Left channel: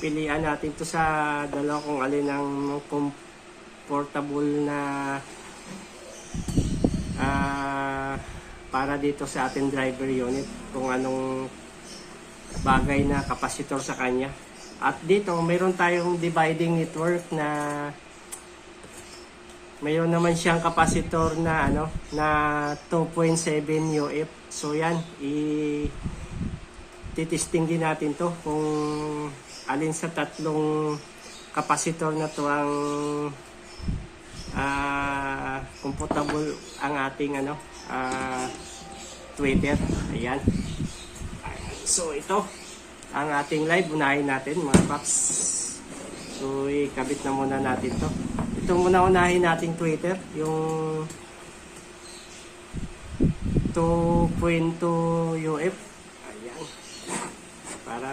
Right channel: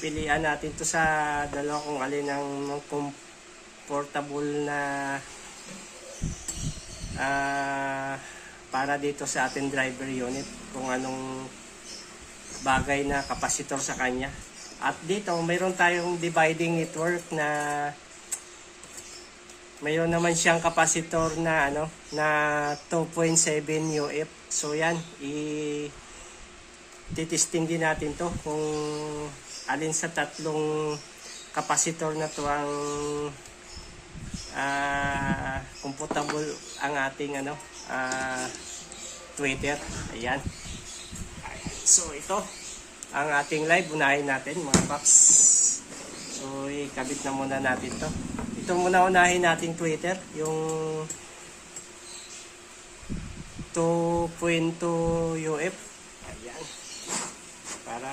pilian natin to sa dalawa kung alin ang comfortable na para dito sa ating driver unit, kung anong bagay na kapasitor sa kanya. At dito mayroon tayong dividing network na mayroon naman siyang kapasitor na na 2.7 UF. So yan, titesting din natin to kung alin sa tatlong kapasitor na to ang comfortable ang ating tweeter. Ayan. So ito ang ating live. Unahin natin mga paps. So ikabit na muna natin to. Ito muna unahin natin tweeter, yung 2.2 UF. Ayan. Para